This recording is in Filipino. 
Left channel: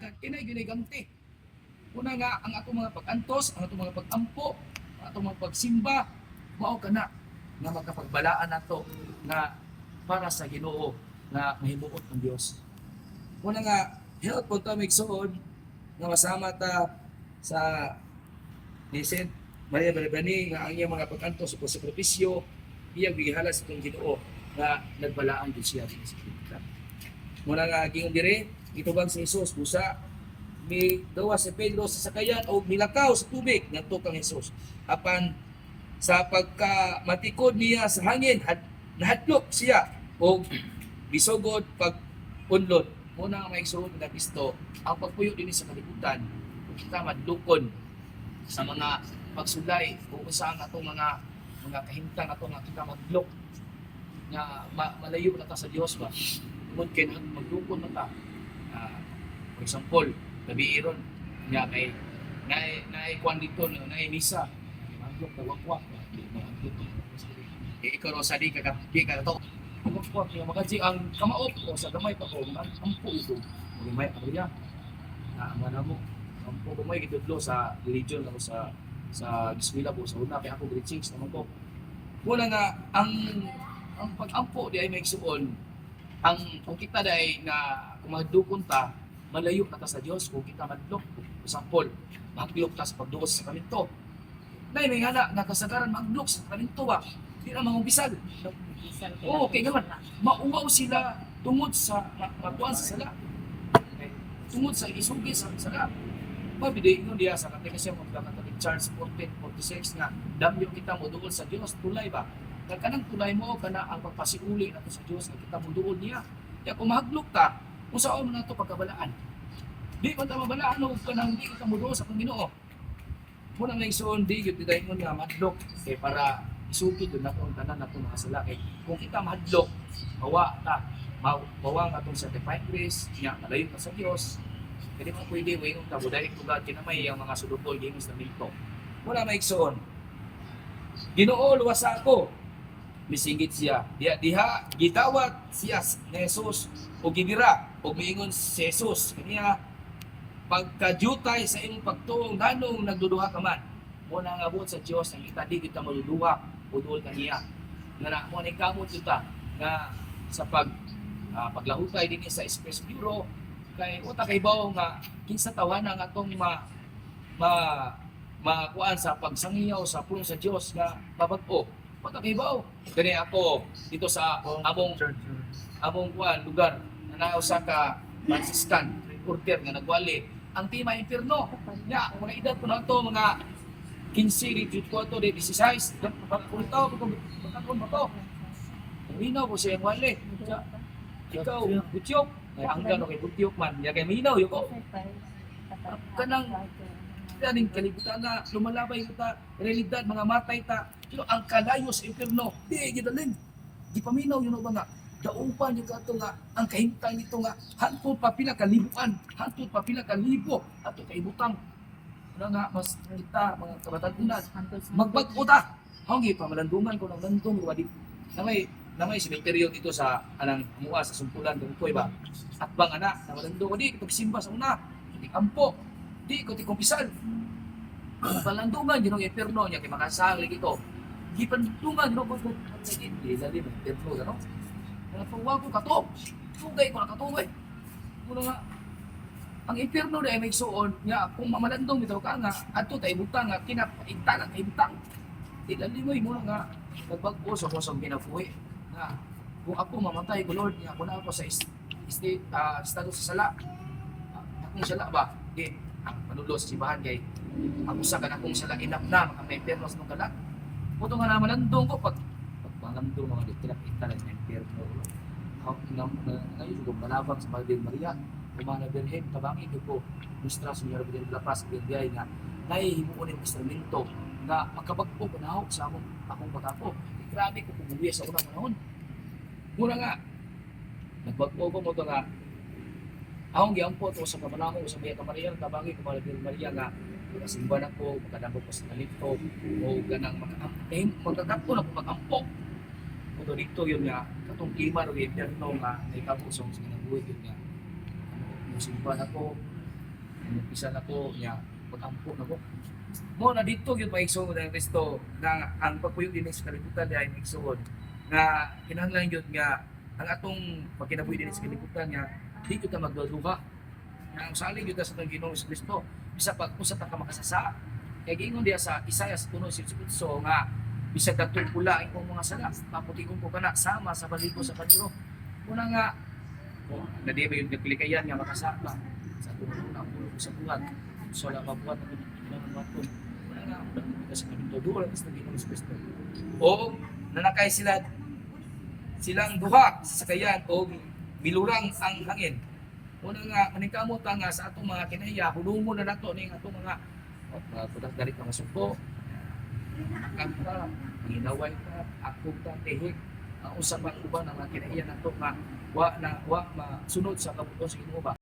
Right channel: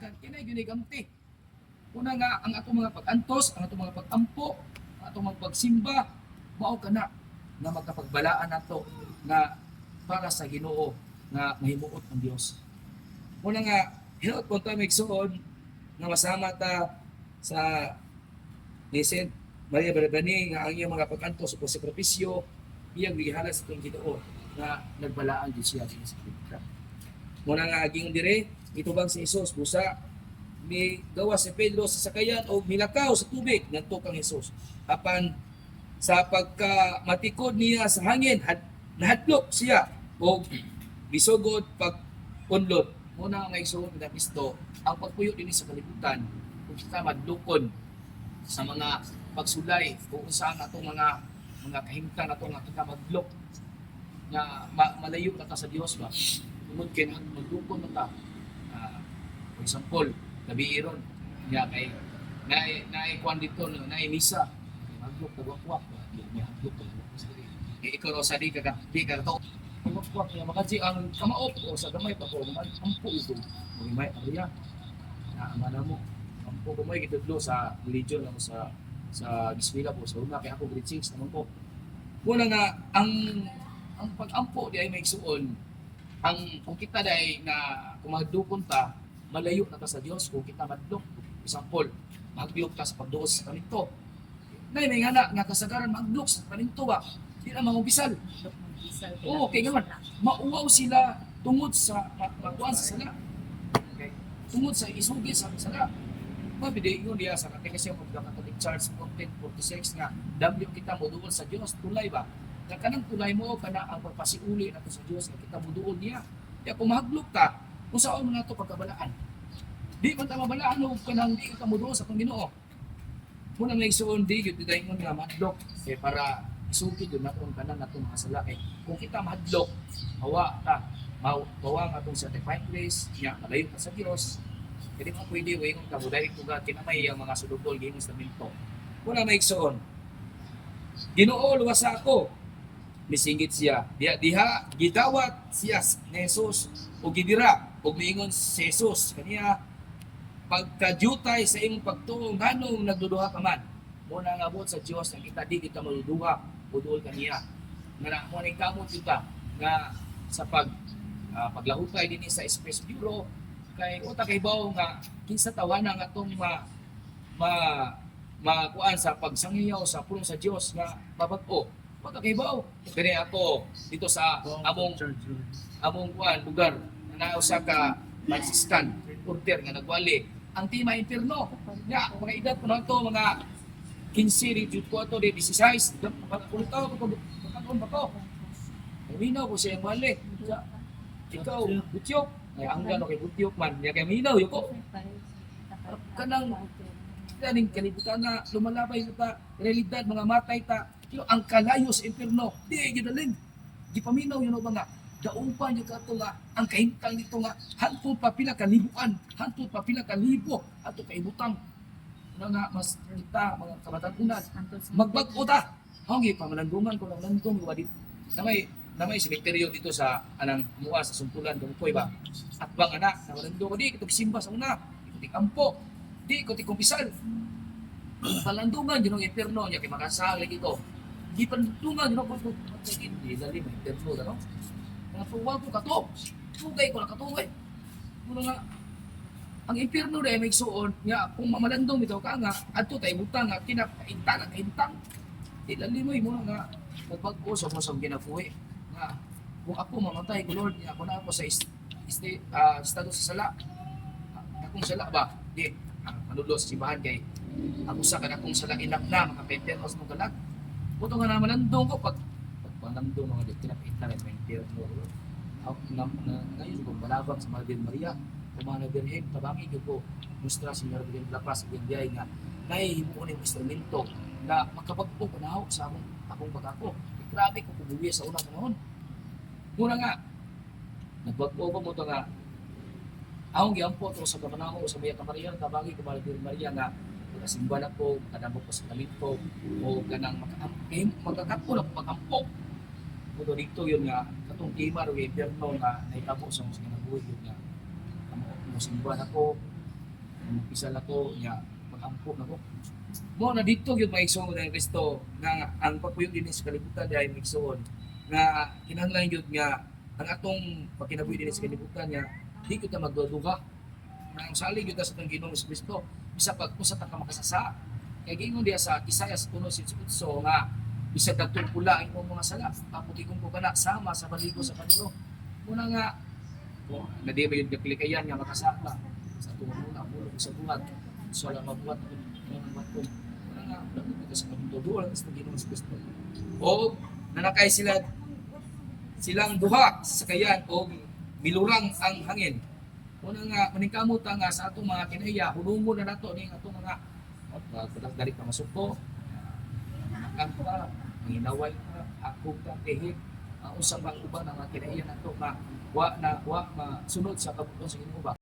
Kinay ginigamti. Una nga ang ako mga pag-antos, ang atong mga pag-ampo, ang atong mga pagsimba, mao kana nga magkapagbalaan nato na para sa Ginoo nga mahimuot ng Dios. Una nga hilot po ta migsuon nga masama ta sa ni Saint Maria Barbani nga ang iyang mga pag-antos o sakripisyo iyang gihala sa itong Ginoo nga nagbalaan jud siya sa kita. Muna nga aging dire itubang si Jesus busa mi gawa si Pedro sa sakayan o milakaw sa tubig ngadto kang Jesus apan sa pagka matikod niya sa hangin nahadlok siya o bisugod pag unlod. Muna nga igsuon nga Kristo ang pagpuyo dinhi sa kalibutan kung kita madlukon sa mga pagsulay kung saan atong mga kahimtang ato nga kita maglok nga malayo na ta sa Dios ba tungod kay maglukon na ta. For example, gabi ron nga kay kwan dito na misa maglok ko wakwak maglok ko ikaw ro sa di ka to wakwak nga makaji ang kamaot o sa gamay pa ko ang ampo ito may ariya na mana mo ampo gamay gidudlo sa religion ano sa eskwela po sa una kay ako grade 6 naman po wala nga ang pag-ampo di ay may suon ang kung kita dai na kung magdukon ta malayo na ta sa Dios kung kita madlok example maglok ta sa pagduos sa kaminto nay may nga kasagaran maglok sa kaminto ba di na mangubisal oo kay gaman mauwaw sila tungod sa magkuan sa sala okay. Tungod sa isugi sa sala mabidi ingon diya sa katekisyon kung dapat Charles 14:46 nga damyo kita moduol sa Dios tulay ba kanang tulay mo kana ang pagpasiuli nato sa Dios nga kita moduol niya ya kung mahaglok ta kung saan nga ito pagkabalaan di man ta mabalaan o kanang di kita moduol sa kung Ginoo muna nga isuon di gyud tay mo nga madlok kay para isugid doon na kung tanan nato mga sala kay kung kita madlok mawa ta mawa nga atong certified grace nya malayo pa sa Dios kaya mo pwede way kung tabuday tugad kinamay ang mga sulubol ginis sa minto wala na igsoon Ginoo luwas ako misingit siya diha gidawat siya ni Jesus o gidira o miingon si Jesus kaniya pagkadyutay sa imong pagtuong nganong nagduduha ka man muna nga buot sa Dios ang kita di kita maduduha udol kaniya nga na mo ni kamot kita nga sa paglahutay dinhi sa Express Bureau kay uta kay bawo nga kinsa tawanan nga atong makuan sa pagsangiyaw sa pulong sa Dios nga babag-o uta kay bawo kani ako dito sa among kuan lugar na usa ka Franciscan order nga nagwali ang tema impierno nya mga edad ko na to mga 15 14 16 pagpunta ko ba to minaw ko siya wali ikaw butyok hanggang kay butyok man nya kay minaw yuko kanang kaning kalibutan na lumalabay ta realidad mga matay ta ang kalayo sa impierno di gidalin di paminaw yun ba nga daong pa niyo kato nga ang kahimtang nito nga hantod pa pila ka libuan hantod pa pila ka libo ato kaibutang nga mas kita mga kabatan-unan magbag-o ta hanggi pa malandungan ko ng landong wa di na may sementeryo dito sa anang mua sa sumpulan dungkoy ba at bang anak na malandong ko di ko simba sa una di ampo di ko ti kumpisal palandungan ginong impierno nya kay makasali ito di pandungan ginong ko di dali ba impierno ano na tuwa ko kato tugay ko na katugay kuno nga ang impierno na may suon nya kung mamalandong bitaw ka nga adto tay butang nga kinakainta nga ibutang dili mo nga nagbag-o sa kung ginabuhi nga kung ako mamatay ko Lord nga ako na ako sa estado sa sala akong sala ba di manulo sa simbahan kay ang usa ka akong sala inaknam ang impierno sa mong kalat puto nga naman landong ko pag malandong mga kinakainta ng impierno ako ngayon ko malabang sa Virgin Maria Umana Birhen, kabangi ko Nuestra Señora de la Paz, Biyay nga nahihimuon yung instrumento na makapagpo panahon sa akong bagato. Grabe ko pubuwi sa unang panahon. Muna nga, nagbagpo ko mo ito nga akong giampo ito sa kapanahon sa Maya Kamariyang, kabangi ko Virgin Maria nga makasimba na ko, makadambok ko sa kalinto o ganang magkakapon ako magampo. Puto dito yun nga, katong klima o impierno nga naikabo sa mga buhay yun nga simba na ko Umpisa na ko niya pagampo na ko. Mo na dito gyud maigsoon ang Kristo na ang pagpuyo dinhi sa kalibutan dahil maigsoon na kinahanglan gyud nga ang atong pagkinabuhi dinhi sa kalibutan niya di gyud ta magduduga. Ang salig gyud ta sa atong Ginoo sa Kristo bisa pag usa ta ka makasasa. Kay giingon diya sa Isaias 1:18 nga bisag dagtong pula ang imong mga sala, paputikon ko kana sama sa baligo sa paniro. Una nga na di ba yung kapilikayan nga makasaka sa tunong na pulo sa buhat. So lang mabuhat ako ng mga po. Una nga kita sa kaming todo lang sa Ginoo sa Kristo. O nanakay silang duha sa sakayan o milurang ang hangin. Una nga maningkamot nga sa atong mga kinaiya, hulungon na nato ning atong mga kudas galit mga suko, ang pa, ginaway pa, ako pa, tehik, ang usang uban ng mga kinaiya nato nga wa masunod sa kabuton sa Ginoo ba.